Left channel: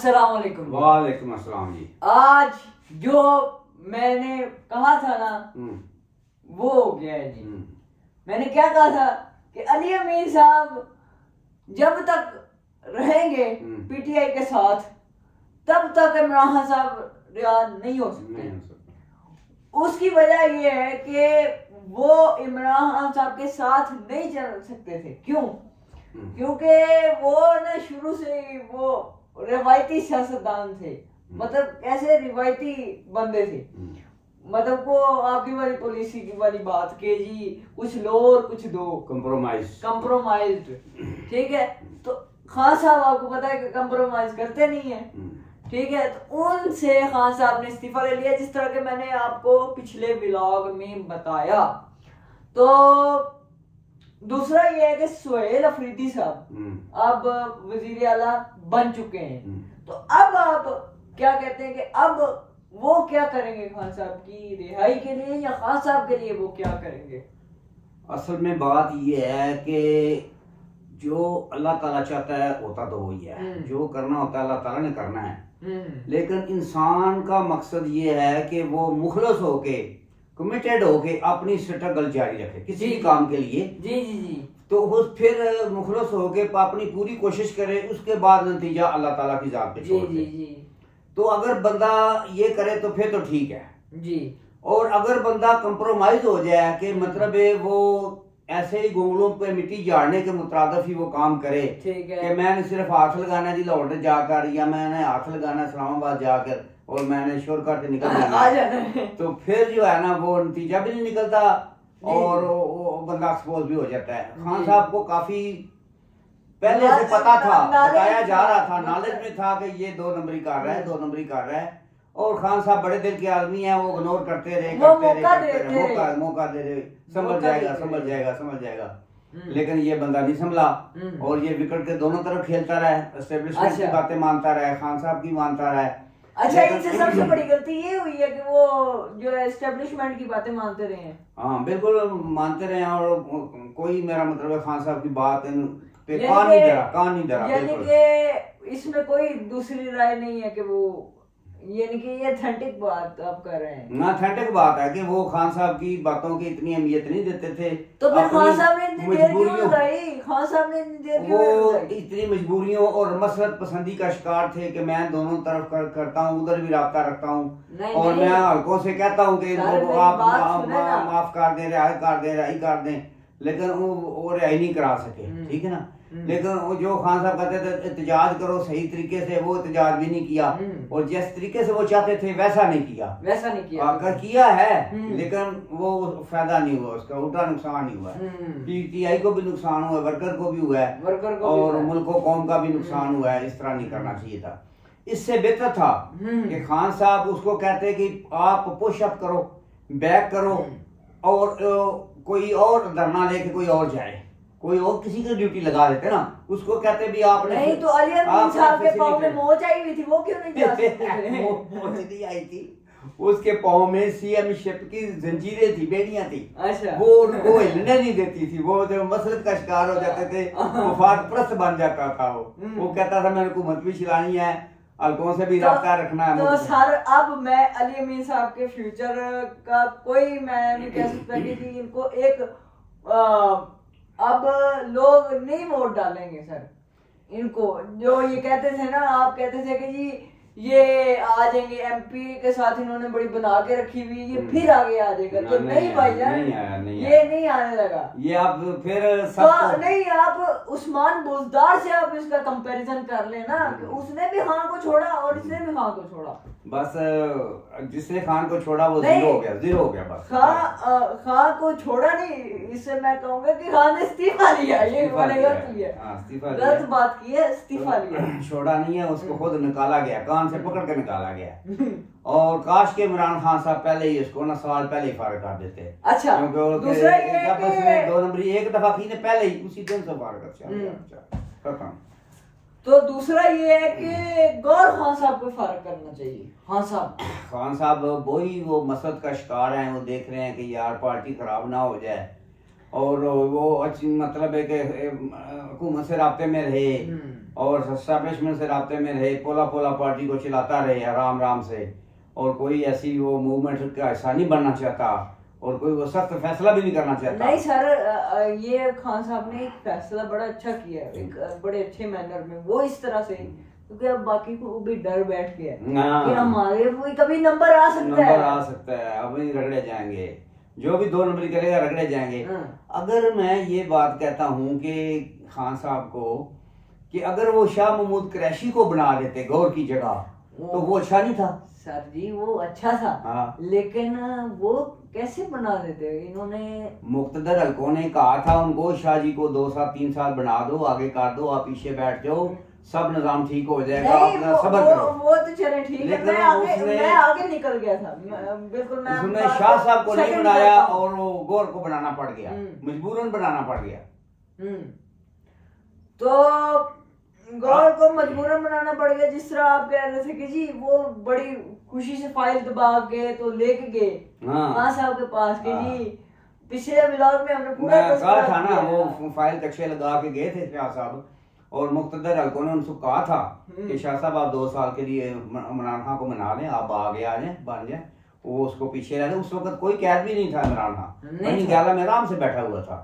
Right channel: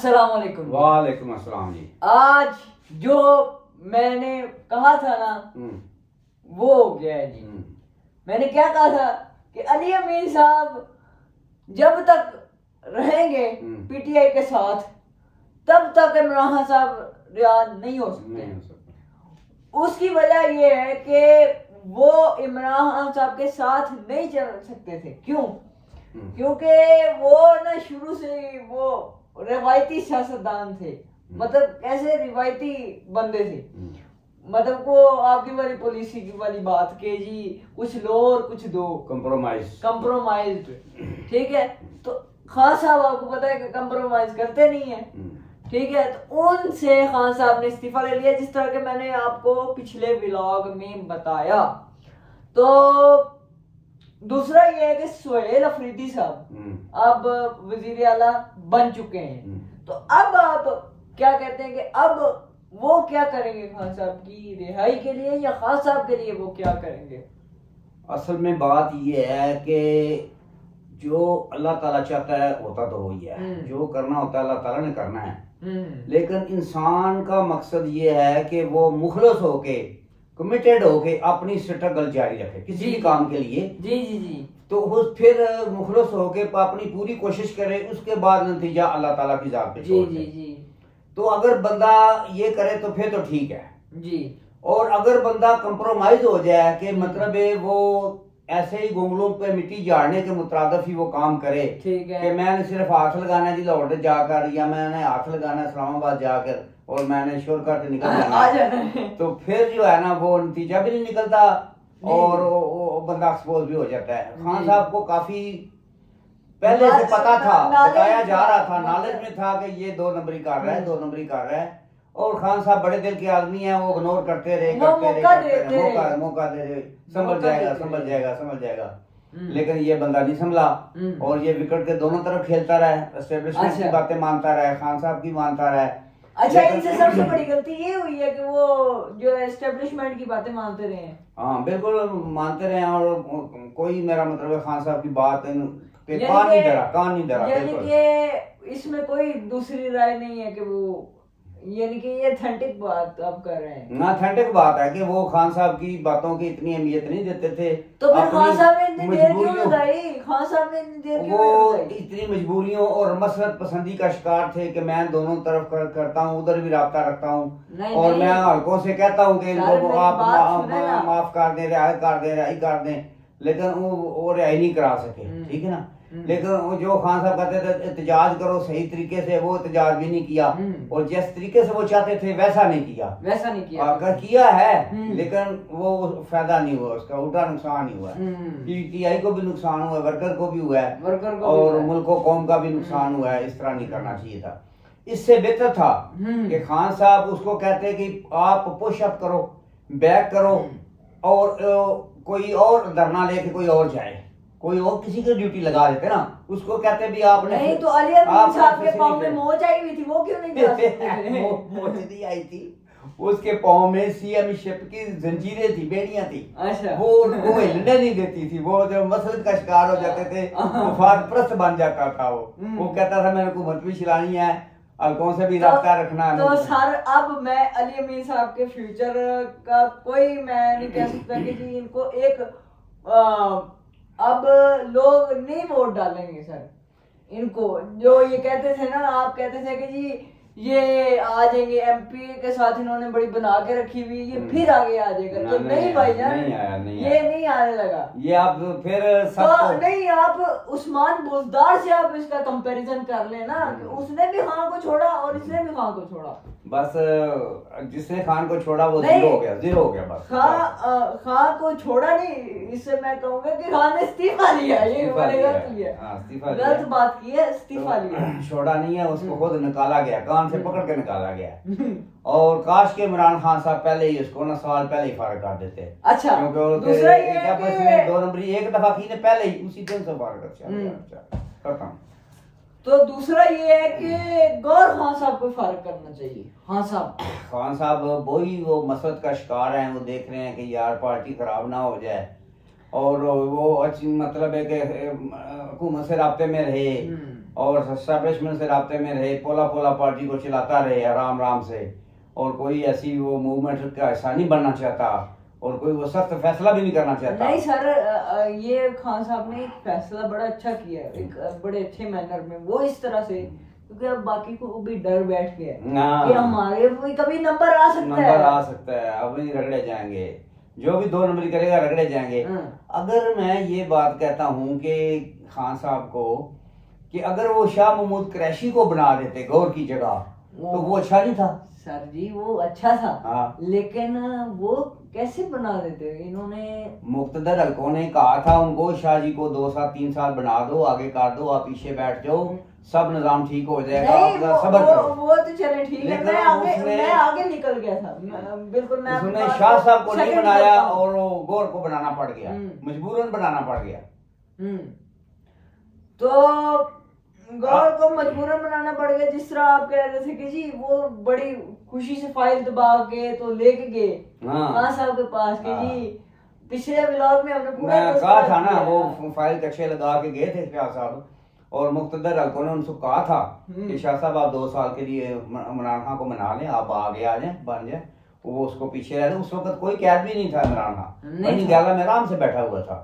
अस्सलाम वालेकुम। वालेकुम अस्सलाम जी। आज जो मैंने कहा था ना वो हो गया है जी। मैंने क्या कहा था कि अली अमीर साहब जब तक रहेंगे पीटीआई के साथ तब तक इमरान खान साहब रियाद नहीं हो सकते। उसकी वजह ये है कि वो इमरान खान साहब के साथ नहीं चल सकते थे। क्यों? क्योंकि वो ना शुरू से वो रिवायती सियासतदान थे। मतलब ऐसे रिवायती बंदे थे। मतलब को आपकी वाली पॉलिसी की वाली बात के जी कुछ लो और कुछ दो, कंप्रोमाइज। ठीक है, तो खान साहब आपको पता है कि कंप्रोमाइज करते नहीं है। ठीक है, तो उनसे खान साहब ने इस्तीफा ले लिया, जिस तरह के मैंने आपको पिछले व्लॉग में बताया। तो दूसरा ये है कि सुहेल अफरीदी साहब अब वजीर आला बन चुके हैं। तो अब आप क्या कहते हैं कि अब वो क्या करेंगे खान साहब की रिहाई के लिए, या खान साहब के लिए वो क्या करेंगे? असल में बात ये है कि जो अल्लाह ताला चाहता है होता तो वही है। जो करना होता है अल्लाह ताला ने करना है। लेकिन इंसान का मकसद ये है कि वो मुखलस होके, कमिटेड होके अपनी स्ट्रगल जारी रखे किसी भी काम के लिए। जी जी जी। तो वो फिर मुखलस होके अपनी पूरी कोशिश करे, उसके बाद नतीजा अल्लाह ताला की जात पे छोड़ दे। तो अगर बंदा ये करे तो फिर तो ठीक है जी। और अगर बंदा कंप्रोमाइज हो जाए कि मतलब वो ऐसे ही गोंगलों पे मिट्टी झाड़ने के मुताबिक ही वो काम करे, ठीक है, कि मैंने सिर्फ हाथ लगाना जी लाहौर जाकर, या मैंने हाथ लगाना इस्लामाबाद जाकर और मैंने शोर करके निकल जाना, तो फिर जो है ना वो नतीजा भी नहीं निकलता और वो बंदा एक्सपोज भी हो जाता है। खान साहब को काफी पहले से पता था, बताया जा रहा था, नॉलेज में था कि ये 2 नंबरी कर रहा है, 2 नंबरी कर रहा है। और खान साहब बड़े दिल के आदमी हैं, वो इग्नोर करते रहे, मौका दे रहे, समझ जाएगा। लेकिन ये बंदा नहीं संभला और ये विकेट के दोनों तरफ खेलता रहा, एस्टेब्लिशमेंट की बातें मानता रहा, खान साहब की मानता रहा। अच्छा, इनसे सबसे बड़ी गलती ये हुई है कि वो जो एस्टेब्लिशमेंट की बातें मानते रहे हैं। हाँ बिल्कुल मानते रहे, और कोई मेरा मतलब है खान साहब की बात कान नहीं डरा। यानी कि इसमें कोई दूसरी राय नहीं है कि वो, यानी कि ये ऑथेंटिक बात आप कर रहे हैं। ऑथेंटिक बात है कि वो खान साहब की बातों की इतनी अहमियत नहीं देते थे। तो फिर खान साहब ने इतनी देर क्यों लगाई? खान साहब ने इतनी देर क्यों लगाई? इतनी मजबूरियों और मसरत पसंदी का शिकार थे कि मैं दोनों तरफ करता हूँ, उधर भी राब्ता रखता हूँ और मैं हल्कों से कहता हूँ कि आप माफ कर दे, रिहाई कर दें, लेकिन वो रिहाई नहीं करा सके। ठीक है ना, लेकिन वो जो खान साहब कहते थे एहतजाज करो सही तरीके से, वो एहतजाज भी नहीं किया और जिस तरीके से वो चाहते थे वैसा नहीं किया। अगर किया है लेकिन वो फायदा नहीं हुआ, उसका उल्टा नुकसान ही हुआ है। पीटीआई को भी नुकसान हुआ, वर्कर को भी हुआ है और मुल्क कौम का भी नुकसान हुआ है। इस तरह नहीं करना चाहिए था। इससे बेहतर था कि खान साहब उसको कहते कि आप पुशअप करो, बैक करो और कोई और धरना लेके कोई और जाए, कोई और किसी की ड्यूटी लगा देते ना, उसको कहते भी आपने नहीं। तो अली अमीर साहब के पाँव में मोच आई हुई थी, वो क्यों नहीं जा सकते? मोच नहीं आई थी, उसके पाँव में सीएमशिप की जंजीरें थी, बेड़ियां थी। अच्छा। वो उनको हिलने नहीं देती थी। वो जो मसल का शिकार हो जाते थे मुफाद परस्त बन जाता था। वो कहता था मैंने हुकूमत भी चलानी है, हल्कों से भी रास्ता रखना है। तो सर अब मैं अली अमीर साहब के फ्यूचर का कोई मैं नहीं कह सकता कि इनको एक अब लोग नहीं वोट डालेंगे सर इनको। जो ये कहते थे ना, आप कहते थे कि जी ये आ जाएंगे एमपी के साथ, इन्होंने बड़ी बना के रखी हुई, ये फिर आगे आ जाएगा। तो नहीं भाईजान, ये नहीं आने लगा। ये आप फिर नहीं, आप उस्मान बुजदार से आप इसका कंपैरिजन कर लेना कि उसने भी खान को छोड़ा और इसने भी खान को छोड़ा। बस जिसने खान को छोड़ा वो जीरो हो गया बस। खान को छोड़ा नहीं, इससे मैं कहूँगा कि खान ने इस्तीफा लिया। ये गलत बात की है, इस्तीफा लिया, छोड़ा नहीं है, उसको खुद निकाला गया, कान से पकड़ के निकाला गया। और काश के इमरान खान साहब पहले ही इसको ना साल पहले ही फारिग कर देते। अच्छा, दूसरा ये 2 नंबरी एक दफा की ने पहले ही उसी दिन से फारिग कर। तो दूसरा ये है कि गौर खान साहब को फारिग करना चाहिए। खान साहब वही वो मसरत का शिकार हैं, वो देख रहे हैं कि यार पार्टी खराब ना हो जाए और वो अच्छी मतलब है कि हुकूमत से राब्ते में रहे और एस्टैब्लिशमेंट से राब्ते में रहे, पोला पोला पार्टी को चलाता रहे आराम आराम से, और कोई ऐसी वो मूवमेंट का हिस्सा नहीं बनना चाहता, और कोई वो सख्त फैसला भी नहीं करना चाहता। नहीं सर, ये खान साहब ने एक फैसला बड़ा अच्छा किया, एक बड़े अच्छे मैनर में, वो इस तरह से, क्योंकि अब बाकी को भी डर बैठ गया कि हमारे भी कभी नंबर आ सकता है, अभी रगड़े जाएंगे, जो भी 2 नंबर करेगा रगड़े जाएंगे। अगर मैं ये बात कहता हूँ कि खान साहब को कि अगर वो शाह महमूद कुरैशी को बना देते गौर की जगह, तो वो अच्छा नहीं था सर जी, वो अच्छा था। हाँ। लेकिन वो कैसे बना देते, इन्होंने मुक्तदर हल्कों ने कहा था उनको, शाह जी को 2 साल 3 साल बना दो, आगे कर दो, आप पीछे बैठ जाओ, सब निजाम ठीक हो जाएगा, अपना सब्र करो। वो तो चले ठीक है, मैं आगे निकल गया था बिल्कुल। उसने शाह साहब को नहीं बनाया और गौर को बनाना पड़ गया, मजबूरन बनाना पड़ गया। तो गौर को मजबूरन बनाना पड़ गया, जिस तरह आप कह रहे थे कि जी वो बड़ी खुशी से फाइल दबा के तो लेके गए खान साहब के पास कि जी, पिछले व्लॉग में हमने पूरा कहा था ना, वो फाइल कच्चे लगा के गए थे शाह साहब, और मुक्तदर हल्कों ने उनको कहा था कि शाह साहब आप 2 साल के लिए इमरान खान को मना लें, आप आगे आ जाए, बन जाए। वो उसको पीछे रह, उस वक्त कोई कैद भी नहीं था इमरान खान, वहीं गाला में आराम से बैठा हुआ था,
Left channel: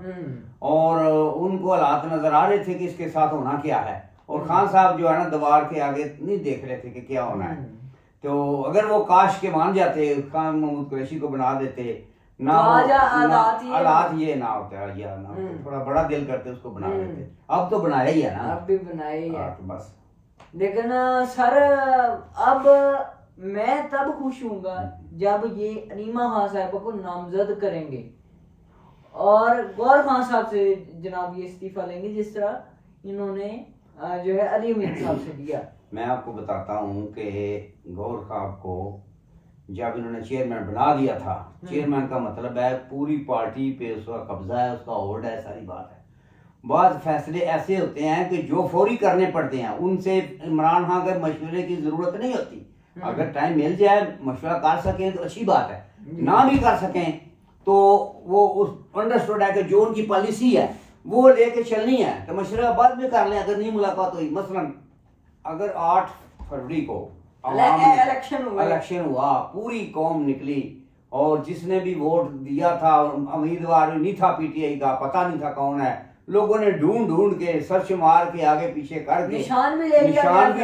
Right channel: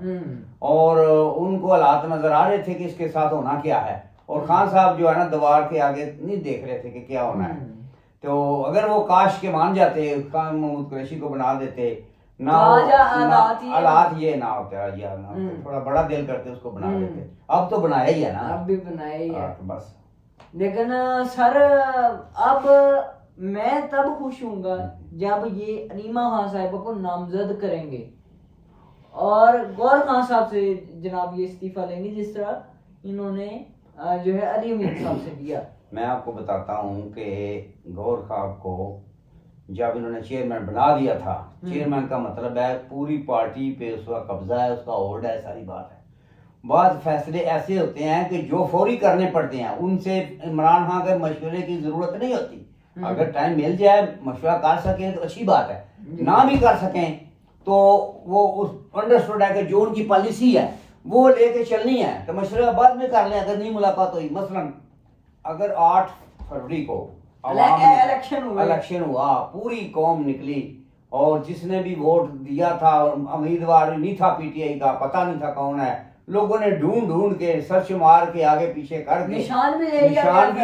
और उनको हालात नजर आ रहे थे कि इसके साथ होना क्या है, और खान साहब जो है ना दीवार के आगे नहीं देख रहे थे कि क्या होना है। तो अगर वो काश के मान जाते, खान महमूद कुरैशी को बना देते ना, हालात ये ना होता, या ना थोड़ा बड़ा दिल करते उसको बना देते। अब तो बनाया ही है ना, अब भी बनाया ही है, तो बस। लेकिन सर अब मैं तब खुश हूँगा जब ये अनीमा खान साहब को नामजद करेंगे और गौर खान साहब से जनाब ये इस्तीफा लेंगे, जिस तरह इन्होंने जो है अली अमीर साहब से दिया। मैं आपको बताता हूँ कि गौर साहब को जब इन्होंने चेयरमैन बना दिया था, चेयरमैन का मतलब है पूरी पार्टी पे उसका कब्जा है, उसका होल्ड है, सारी बात है। बाद फैसले ऐसे होते हैं कि जो फौरी करने पड़ते हैं, उनसे इमरान खान के मशवरे की जरूरत नहीं होती। अगर टाइम मिल जाए, मशवरा कर सकें तो अच्छी बात है, ना भी कर सकें तो वो उस अंडरस्टूड है कि जो उनकी पॉलिसी है वो लेके चलनी है, तो मशवरा बाद में कर लें अगर नहीं मुलाकात हुई। मसलन अगर 8 फरवरी को इलेक्शन हुआ, पूरी कौम निकली, और जिसने भी वोट दिया था उम्मीदवार नहीं था पीटीआई का, पता नहीं था कौन है, लोगों ने ढूंढ ढूंढ के सर्च मार के आगे पीछे करके निशान भी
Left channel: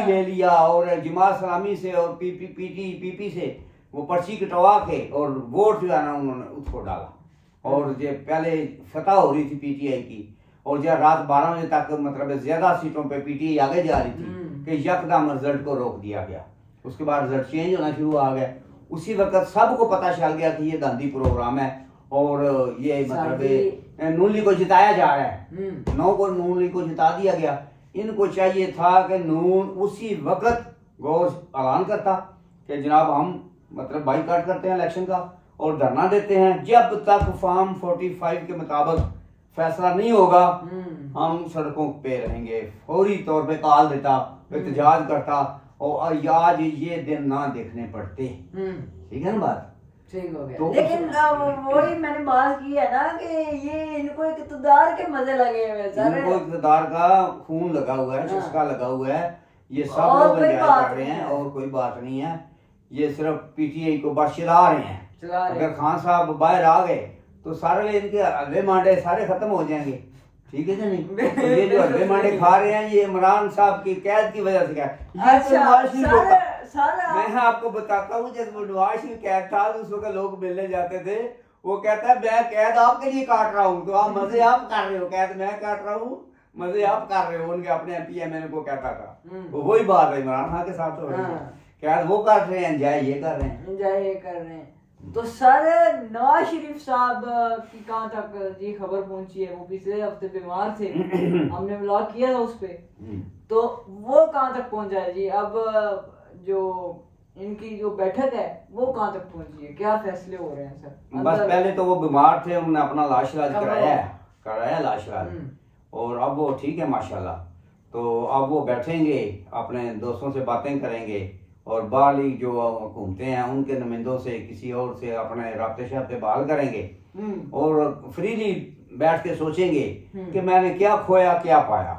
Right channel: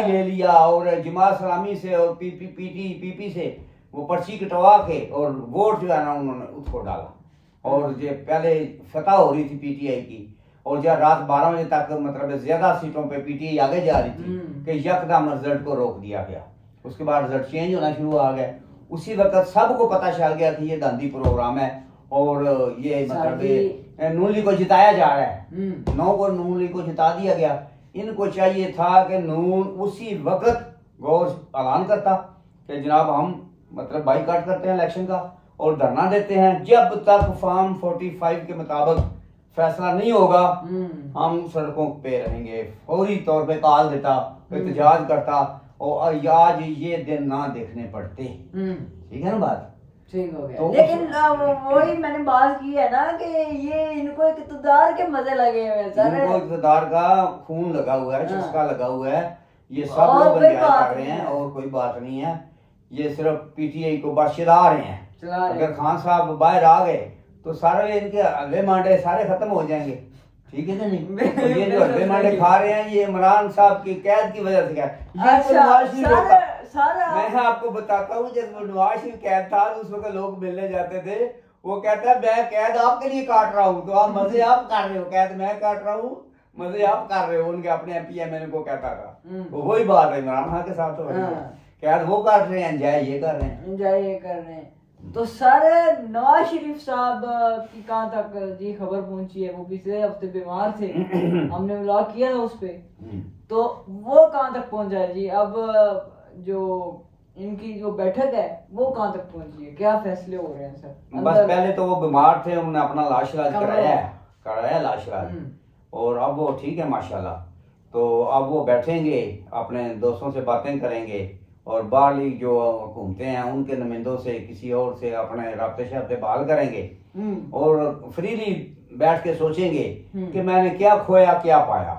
ले लिया, और जमात इस्लामी से और पीपी से वो पर्ची कटवा के और वोट जो है ना उन्होंने उसको डाला। और जो पहले फतह हो रही थी पीटीआई की, और जब रात 12 बजे तक मतलब ज्यादा सीटों पे पीटीआई आगे जा रही थी कि यकदम रिजल्ट को रोक दिया गया। उसके बाद रिजल्ट चेंज होना शुरू आ गया। उसी वक्त सबको पता चल गया कि ये गांधी प्रोग्राम है और ये मतलब नून लीग को जिताया जा रहा है। 9 को नून लीग को जिता दिया गया। इनको चाहिए था कि नून उसी वक्त गौर ऐलान करता कि जनाब हम मतलब बाइकाट करते हैं इलेक्शन का और धरना देते हैं, जब तक फॉर्म 45 के मुताबिक फैसला नहीं होगा हम सड़कों पे रहेंगे। फौरी तौर पे कॉल देता, एहतजाज करता, और आज ये दिन ना देखने पड़ते। ठीक है ना बात? ठीक हो गया। तो लेकिन वही मैंने बात की है ना कि ये इनको इक़्तिदार के मजे लगे हुए हैं, इनको इक़्तिदार का खून लगा हुआ है, चस्का लगा हुआ है, ये सब लोग कर रहे हैं और कोई बात नहीं है। ये सिर्फ पीटीआई को बस चला रहे हैं। अगर खान साहब बाहर आ गए तो सारे इनके हल्ले मांडे सारे खत्म हो जाएंगे। ठीक है नहीं? तो ये जो हल्ले मांडे खा रहे हैं ये इमरान साहब की कैद की वजह से। मैं आपको बताता हूँ जब नवाज शरीफ कैद था उस वक्त लोग मिलने जाते थे, वो कहता है मैं कैद आपके लिए काट रहा हूँ, तो आप मजे आप कर रहे हो, कैद मैं काट रहा हूँ, मजे आप कर रहे हो। उनके अपने एमपीएमएल को कहता था। तो वही बात है इमरान खान के साथ हो रही है, कैद वो काट रहे हैं, एंजॉय ये कर रहे हैं, एंजॉय ये कर रहे हैं। तो सर नवाज शरीफ साहब की कहाँ तक जी खबर पहुंची है? वो पिछले हफ्ते बीमार थे, हमने व्लॉग किया था उस पे, तो वो कहाँ तक पहुंचा है जी? अब जो इनकी जो बैठक है वो कहाँ तक पहुंची है? क्या फैसले हो रहे हैं सर? बस पहले तो वो बीमार थे, उन्होंने अपना इलाज कराया इलाज, और अब वो ठीक है माशाल्लाह। तो अब वो बैठेंगे, अपने दोस्तों से बातें करेंगे, और बाहरी जो घूमते हैं उनके नुमाइंदों से किसी और से अपने राब्ते शाब्ते बहाल करेंगे, और फ्रीली बैठ के सोचेंगे कि मैंने क्या खोया क्या पाया।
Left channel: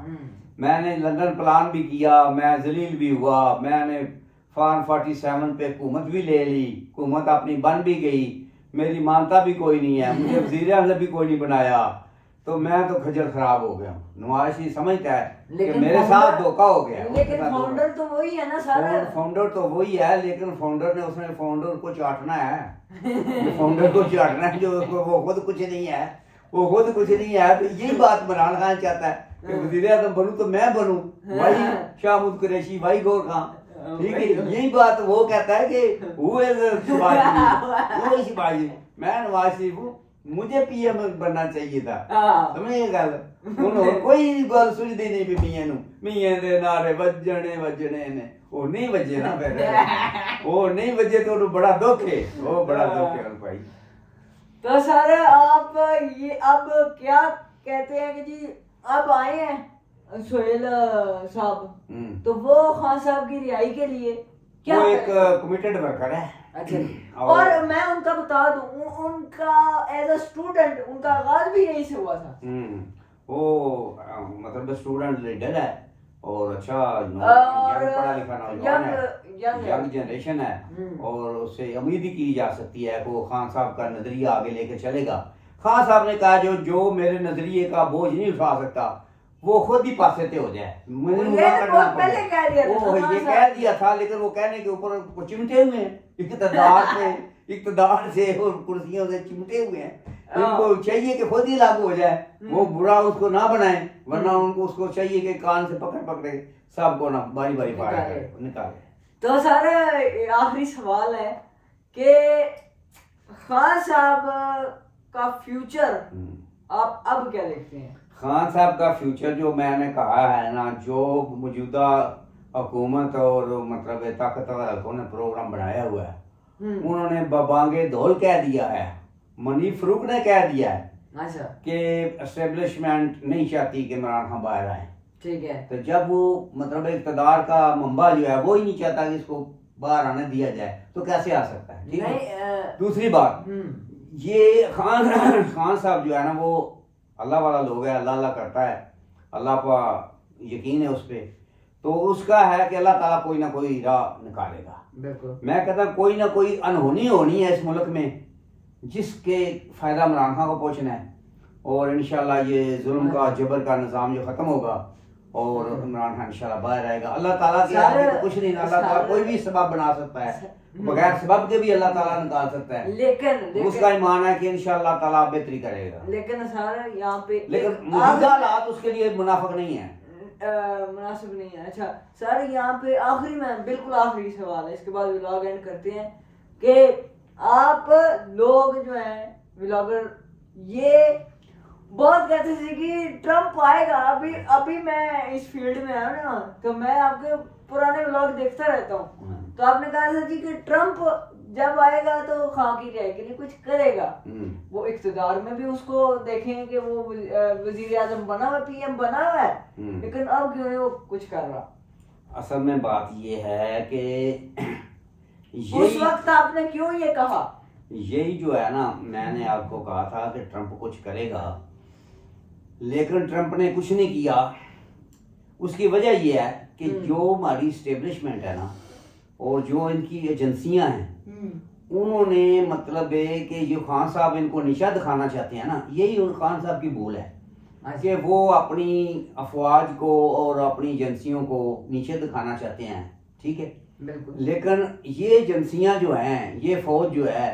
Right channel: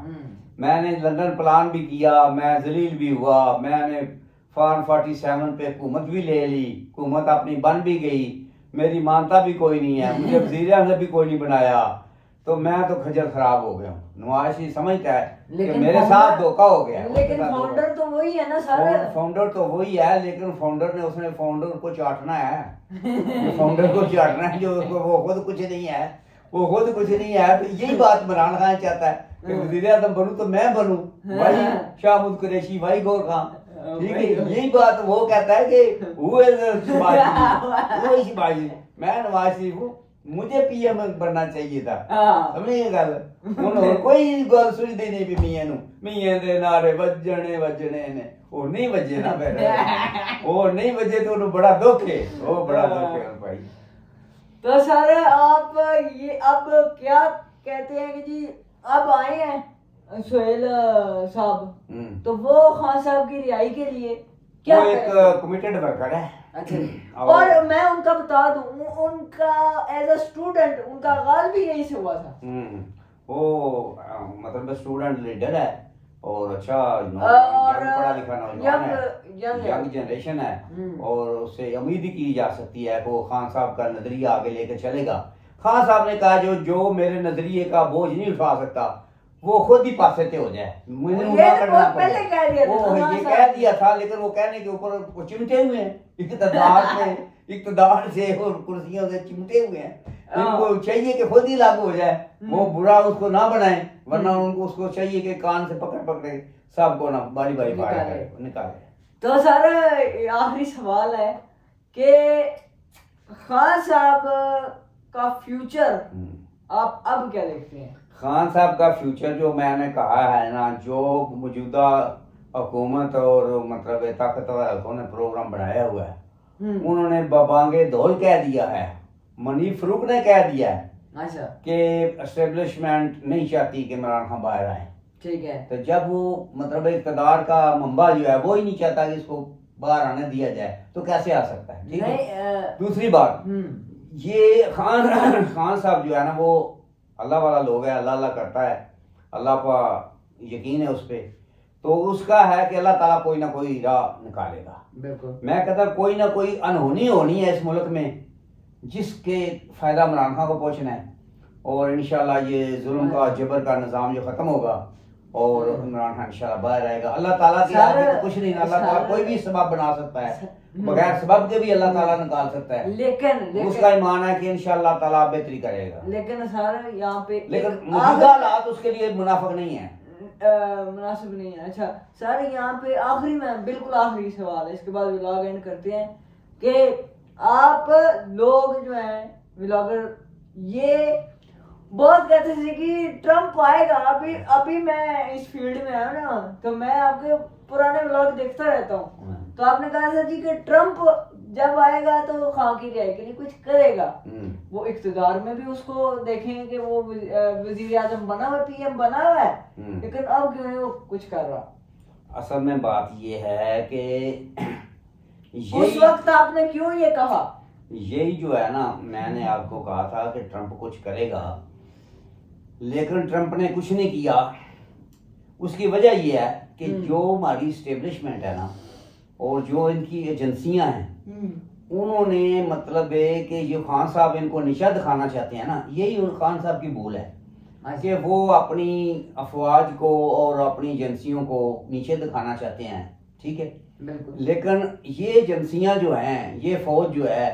मैंने लंदन प्लान भी किया, मैं जलील भी हुआ, मैंने फॉर्म 47 पे हुकूमत भी ले ली, हुकूमत अपनी बन भी गई, मेरी मानता भी कोई नहीं है, मुझे वज़ीर-ए-आज़म भी कोई नहीं बनाया, तो मैं तो खजल खराब हो गया हूँ। नवाज शरीफ समझता है कि मेरे साथ धोखा हो गया। लेकिन फाउंडर तो वही है ना सर। फाउंडर तो वही है, लेकिन फाउंडर ने उसने फाउंडर को चाटना है फाउंडर को चाटना है, जो वो खुद कुछ नहीं है, वो खुद कुछ नहीं है। तो यही बात इमरान खान चाहता है कि वज़ीर-ए-आज़म बनूं तो मैं बनूं, भाई शाहमूद कुरैशी, भाई गौर खान, यही बात वो कहता है कि वो शिवाजी, मैं नवाज शरीफ हूँ, मुझे पीएम बनना चाहिए था। समझे गल हूं कोई गल सुझदी नहीं भी मियां दे नारे वजने ने वो नहीं वजे ना, फिर वो नहीं वजे तो उन्हें बड़ा दुख है, वो बड़ा दुख है भाई। तो सर आप ये अब क्या कहते हैं कि जी अब आए हैं सोहेल साहब, तो वो खान साहब की रिहाई के लिए क्या एक कमिटेड वर्कर है। अच्छा, और मैं उनका बता दूं, उनका एज अ स्टूडेंट उनका आगाज भी यही से हुआ था। वो मतलब स्टूडेंट लीडर है और अच्छा पढ़ा लिखा यंग जनरेशन है, और उससे उम्मीद की जा सकती है वो खान साहब का नजरिया आगे लेकर चलेगा। खान साहब ने कहा जो मेरे नजरिए का बोझ नहीं उठा सकता वो खुद ही पासे हो जाए, मुझे पहले कह दिया था, वो ये कह दिया था, लेकिन वो कहने के ऊपर वो चिमटे हुए हैं इक़्तिदार से और कुर्सियों से चिमटे हुए हैं। उनको चाहिए कि खुद ही लागू हो जाए, वो बुरा उसको ना बनाए, वरना उनको उसको चाहिए कि कान से पकड़ पकड़े सबको ना बारी बारी निकाले। तो सर आखिरी सवाल है कि खान साहब का फ्यूचर आप अब क्या देखते हैं? खान साहब का फ्यूचर जो मैंने कहा है ना, जो मौजूदा हुकूमत और मतलब ताकतवर हल्कों ने प्रोग्राम बनाया हुआ है, उन्होंने बबांगे धौल कह दिया है, मनी फरूक ने कह दिया है अच्छा कि एस्टेब्लिशमेंट नहीं चाहती कि इमरान खान बाहर आए। ठीक है, तो जब वो मतलब इक़्तिदार का मंबा जो है वो ही नहीं चाहता कि इसको बाहर आने दिया जाए, तो कैसे आ सकता है? ठीक है। दूसरी बात, ये खान साहब जो है ना वो अल्लाह वाला लोग है, अल्लाह अल्लाह करता है, अल्लाह का यकीन है उस पर, तो उसका है कि अल्लाह ताला कोई ना कोई राह निकालेगा। बिल्कुल, मैं कहता कोई ना कोई अनहोनी होनी है इस मुल्क में जिसके फायदा इमरान खान को पहुंचना है, और इंशाल्लाह ये जुल्म का जबर का निज़ाम जो खत्म होगा और इमरान खान इंशाल्लाह बाहर आएगा। अल्लाह ताला के आगे तो कुछ नहीं, अल्लाह ताला कोई भी सबब बना सकता है, बगैर सबब के भी अल्लाह ताला निकाल सकता है, लेकिन उसका ईमान है कि इंशाल्लाह ताला बेहतरी करेगा। लेकिन सर यहाँ पे लेकिन मौजूदा हालात उसके लिए मुनाफिक नहीं है, मुनासिब नहीं है। अच्छा सर यहाँ पे आखिरी में बिल्कुल आखिरी सवाल है, इसके बाद व्लॉग एंड करते हैं कि आप लोग जो हैं व्लॉगर ये बहुत कहते थे कि ट्रम्प आएगा, अभी मैं इस फील्ड में आया ना, तो मैं आपके पुराने व्लॉग देखता रहता हूँ, तो आपने कहा था जी कि ट्रम्प जब आएगा तो खान की रिहाई के लिए कुछ करेगा, वो इक़्तिदार में भी उसको देखेंगे कि वो वज़ीर आज़म बना हुआ, पीएम बना हुआ है, लेकिन अब क्यों नहीं वो कुछ कर रहा? असल में बात ये है कि उस वक्त आपने क्यों ये कहा? यही जो है ना, मैंने आपको कहा था कि ट्रम्प कुछ करेगा, लेकिन ट्रम्प ने कुछ नहीं किया। उसकी वजह यह है कि जो हमारी स्टेब्लिशमेंट है ना और जो इनकी एजेंसियां हैं, उन्होंने मतलब है कि जो खान साहब इनको निशा दिखाना चाहते हैं ना, यही उन खान साहब की भूल है कि वो अपनी अफवाज को और अपनी एजेंसियों को नीचे दिखाना चाहते हैं। ठीक है, बिल्कुल। लेकिन ये एजेंसियां जो हैं, ये फौज जो है,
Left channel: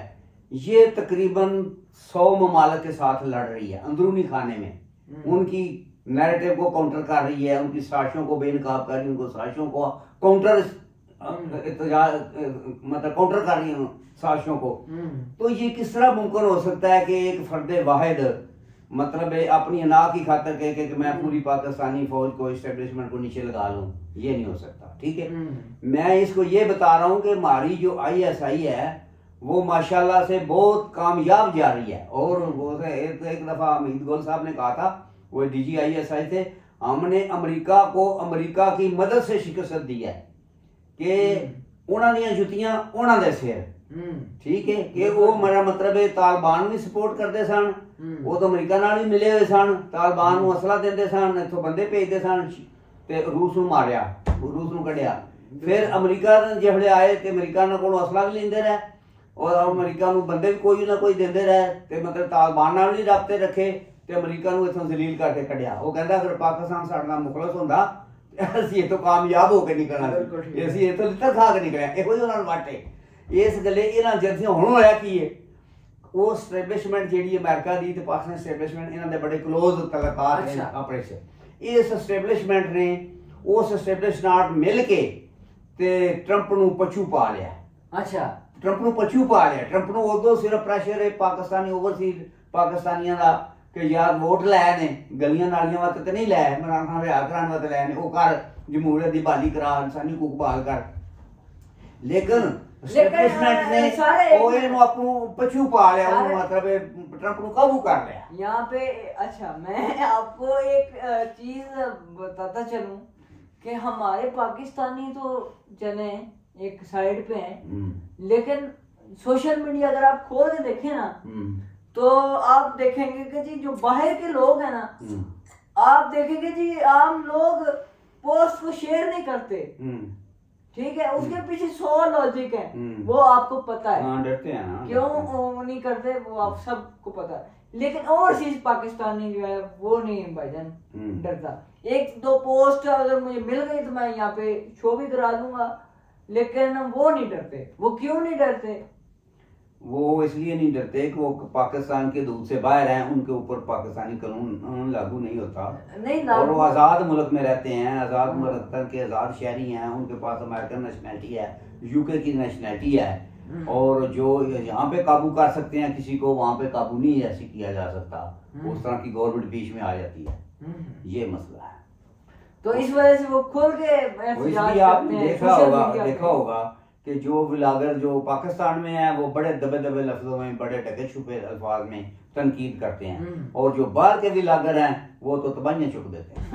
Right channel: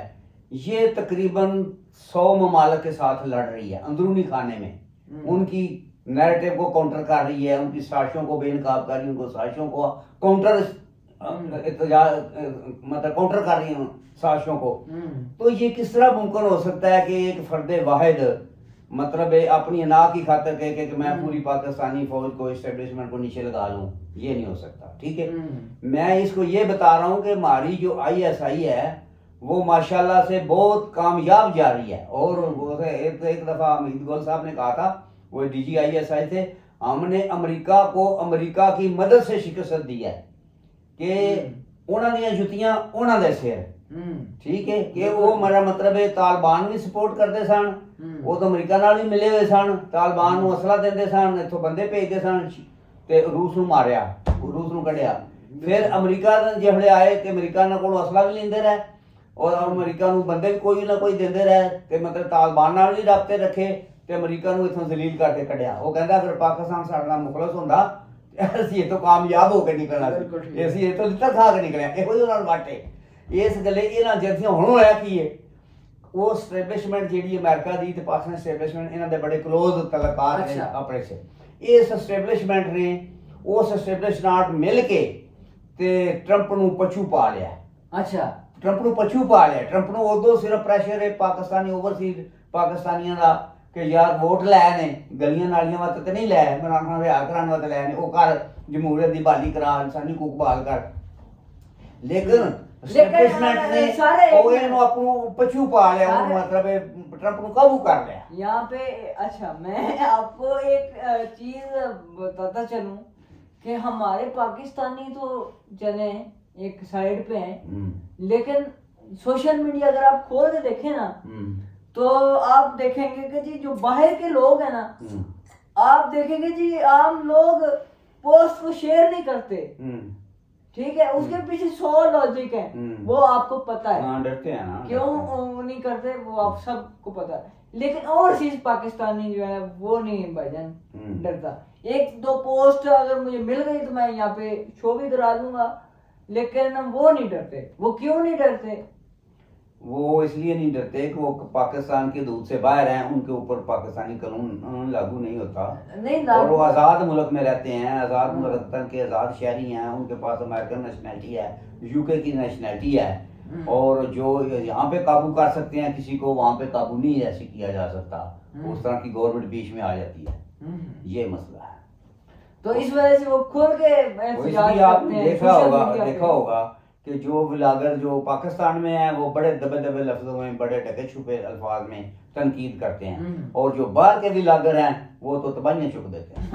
ये तकरीबन 100 ममालिक के साथ लड़ रही है अंदरूनी खाने में, उनकी नैरेटिव को काउंटर कर रही है, उनकी साजिशों को बेनकाब कर रही है, उनको साजिशों को काउंटर मतलब काउंटर कर रही है साजिशों को। तो ये किस तरह मुमकिन हो सकता है कि एक फर्द वाहिद मतलब अपनी अना की खातर कहे कि मैं पूरी पाकिस्तानी फौज को एस्टेब्लिशमेंट को नीचे लगा लूं? ये नहीं हो सकता। ठीक है, मैं इसको ये बता रहा हूं कि हमारी जो ISI है वो माशाल्लाह से बहुत कामयाब जा रही है, और एक दफा हमीद गोल साहब ने कहा था, वो DG ISI थे, हमने अमेरिका को अमेरिका की मदद से शिकस्त दी है कि उन्होंने जुतियां उन्होंने सिर। ठीक है, कि वो मेरा मतलब है तालिबान भी सपोर्ट करते सन, वो तो अमेरिका नाल ही मिले हुए सन, तालिबान को असला देते सन, इथों बंदे भेजते सन, ਤੇ रूस ਨੂੰ ਮਾਰਿਆ, रूस ਨੂੰ ਕੱਢਿਆ। फिर अमरीका ਜਿਹੜੇ ਆਏ ਤੇ ਅਮਰੀਕਾ ਨਾਲ ਕੋਲ ਅਸਲਾ ਵੀ ਲੈਂਦੇ ਰਹੇ और अमरीका ਨੂੰ ਬੰਦੇ ਵੀ ਕੋਈ ਨਾ ਕੋਈ ਦਿੰਦੇ ਰਹੇ ਤੇ ਮਤਲਬ ਤਾਲਿਬਾਨ ਨਾਲ ਵੀ ਰਾਬਤੇ ਰੱਖੇ ਤੇ ਅਮਰੀਕਾ ਨੂੰ ਇਥੋਂ ਜ਼ਲੀਲ ਕਰਕੇ ਕੱਢਿਆ। ਉਹ ਕਹਿੰਦਾ ਅਗਰ ਪਾਕਿਸਤਾਨ ਸਾਡੇ ਨਾਲ ਮੁਖਲਸ ਹੁੰਦਾ ਅਸੀਂ ਇਥੋਂ ਕਾਮਯਾਬ ਹੋ ਕੇ ਨਿਕਲਣਾ ਸੀ, ਅਸੀਂ ਇਥੋਂ ਲਿੱਤਾ ਖਾ ਕੇ ਨਿਕਲਿਆ। ਇਹੋ ਜਿਹੇ ਨਾਲ ਵਾਟੇ ਇਸ ਗੱਲੇ ਇਹਨਾਂ ਜਰਸੀਆਂ ਹੁਣ ਹੋਇਆ ਕੀ ਹੈ, ਉਹ ਸਟੈਬਲਿਸ਼ਮੈਂਟ ਜਿਹੜੀ ਅਮਰੀਕਾ ਦੀ ਤੇ ਪਾਕਿਸਤਾਨ ਸਟੈਬਲਿਸ਼ਮੈਂਟ ਇਹਨਾਂ ਦੇ ਬੜੇ ਕਲੋਜ਼ ਤਲਕਾਤ ਨੇ ਆਪਸ ਵਿੱਚ। ਇਸ ਸਟੈਬਲਿਸ਼ਮੈਂਟ ਨੇ ਉਸ ਸਟੈਬਲਿਸ਼ਮੈਂਟ ਮਿਲ ਕੇ ਤੇ ਟਰੰਪ ਨੂੰ ਪਛੂ ਪਾ ਲਿਆ। ਅੱਛਾ, ਟਰੰਪ ਨੂੰ ਪਛੂ ਪਾ ਲਿਆ। ਟਰੰਪ ਨੂੰ ਉਦੋਂ ਸਿਰਫ ਪ੍ਰੈਸ਼ਰ ਹੈ ਪਾਕਿਸਤਾਨੀ ਓਵਰਸੀਜ਼ ਪਾਕਿਸਤਾਨੀਆਂ ਦਾ ਕਿ ਯਾਰ ਵੋਟ ਲੈ ਨੇ, ਗਲੀਆਂ ਨਾਲੀਆਂ ਵਾਸਤੇ ਤੇ ਨਹੀਂ ਲੈ, ਇਮਰਾਨ ਖਾਨ ਵਿਆਹ ਕਰਾਉਣ ਵਾਸਤੇ ਲੈ ਨੇ, ਉਹ ਕਰ ਜਮਹੂਰੀਅਤ ਦੀ ਬਹਾਲੀ ਕਰਾ, ਇਨਸਾਨੀ ਹਕੂਕ ਬਹਾਲ ਕਰ। लेकिन पछू पा लिया, मतलब ट्रंप को काबू कर लिया यहाँ पे। अच्छा, मैं आपको एक चीज बताता चलूं कि हमारे पाकिस्तानी तो जने एक साइड पे हैं, लेकिन सोशल मीडिया अगर आप खोल के देखें ना तो आप देखेंगे कि जी जो बाहर के लोग हैं ना, आप देखेंगे जी आम लोग पोस्ट को शेयर नहीं करते, ठीक है, उसके पीछे 100 लॉजिक है, वो आपको पता है। डरते हैं ना, क्यों नहीं करते वो आप सबको पता है। लेकिन ओवरसीज पाकिस्तानी जो है वो नहीं भाईजान डरता। एक दो पोस्ट अगर मुझे मिल गई तो मैं यहाँ पे शो भी करा दूंगा, लेकिन वो नहीं डरते। वो क्यों नहीं डरते? वो इसलिए नहीं डरते कि वो पाकिस्तान के दूध से बाहर हैं, उनके ऊपर पाकिस्तानी कानून लागू नहीं होता, नहीं और वो आज़ाद मुल्क में रहते हैं, आज़ाद मुल्क के आज़ाद शहरी हैं, उनके पास अमेरिकन नेशनैलिटी है, यूके की नेशनैलिटी है, और जो यहाँ पे काबू कर सकते हैं किसी को, वहाँ पे काबू नहीं ऐसे किया जा सकता। उस तरह की गवर्नमेंट बीच में आ जाती है, ये मसला है। तो इस वजह से वो खुल के आपने देखा होगा कि जो व्लॉगर जो पाकिस्तान में है वो बड़े दबे दबे लफ्जों में, बड़े ढके छुपे अल्फाज में तनकीद करते हैं, और जो बाहर के व्लॉगर हैं वो तो तबाहियां चुक देते हैं।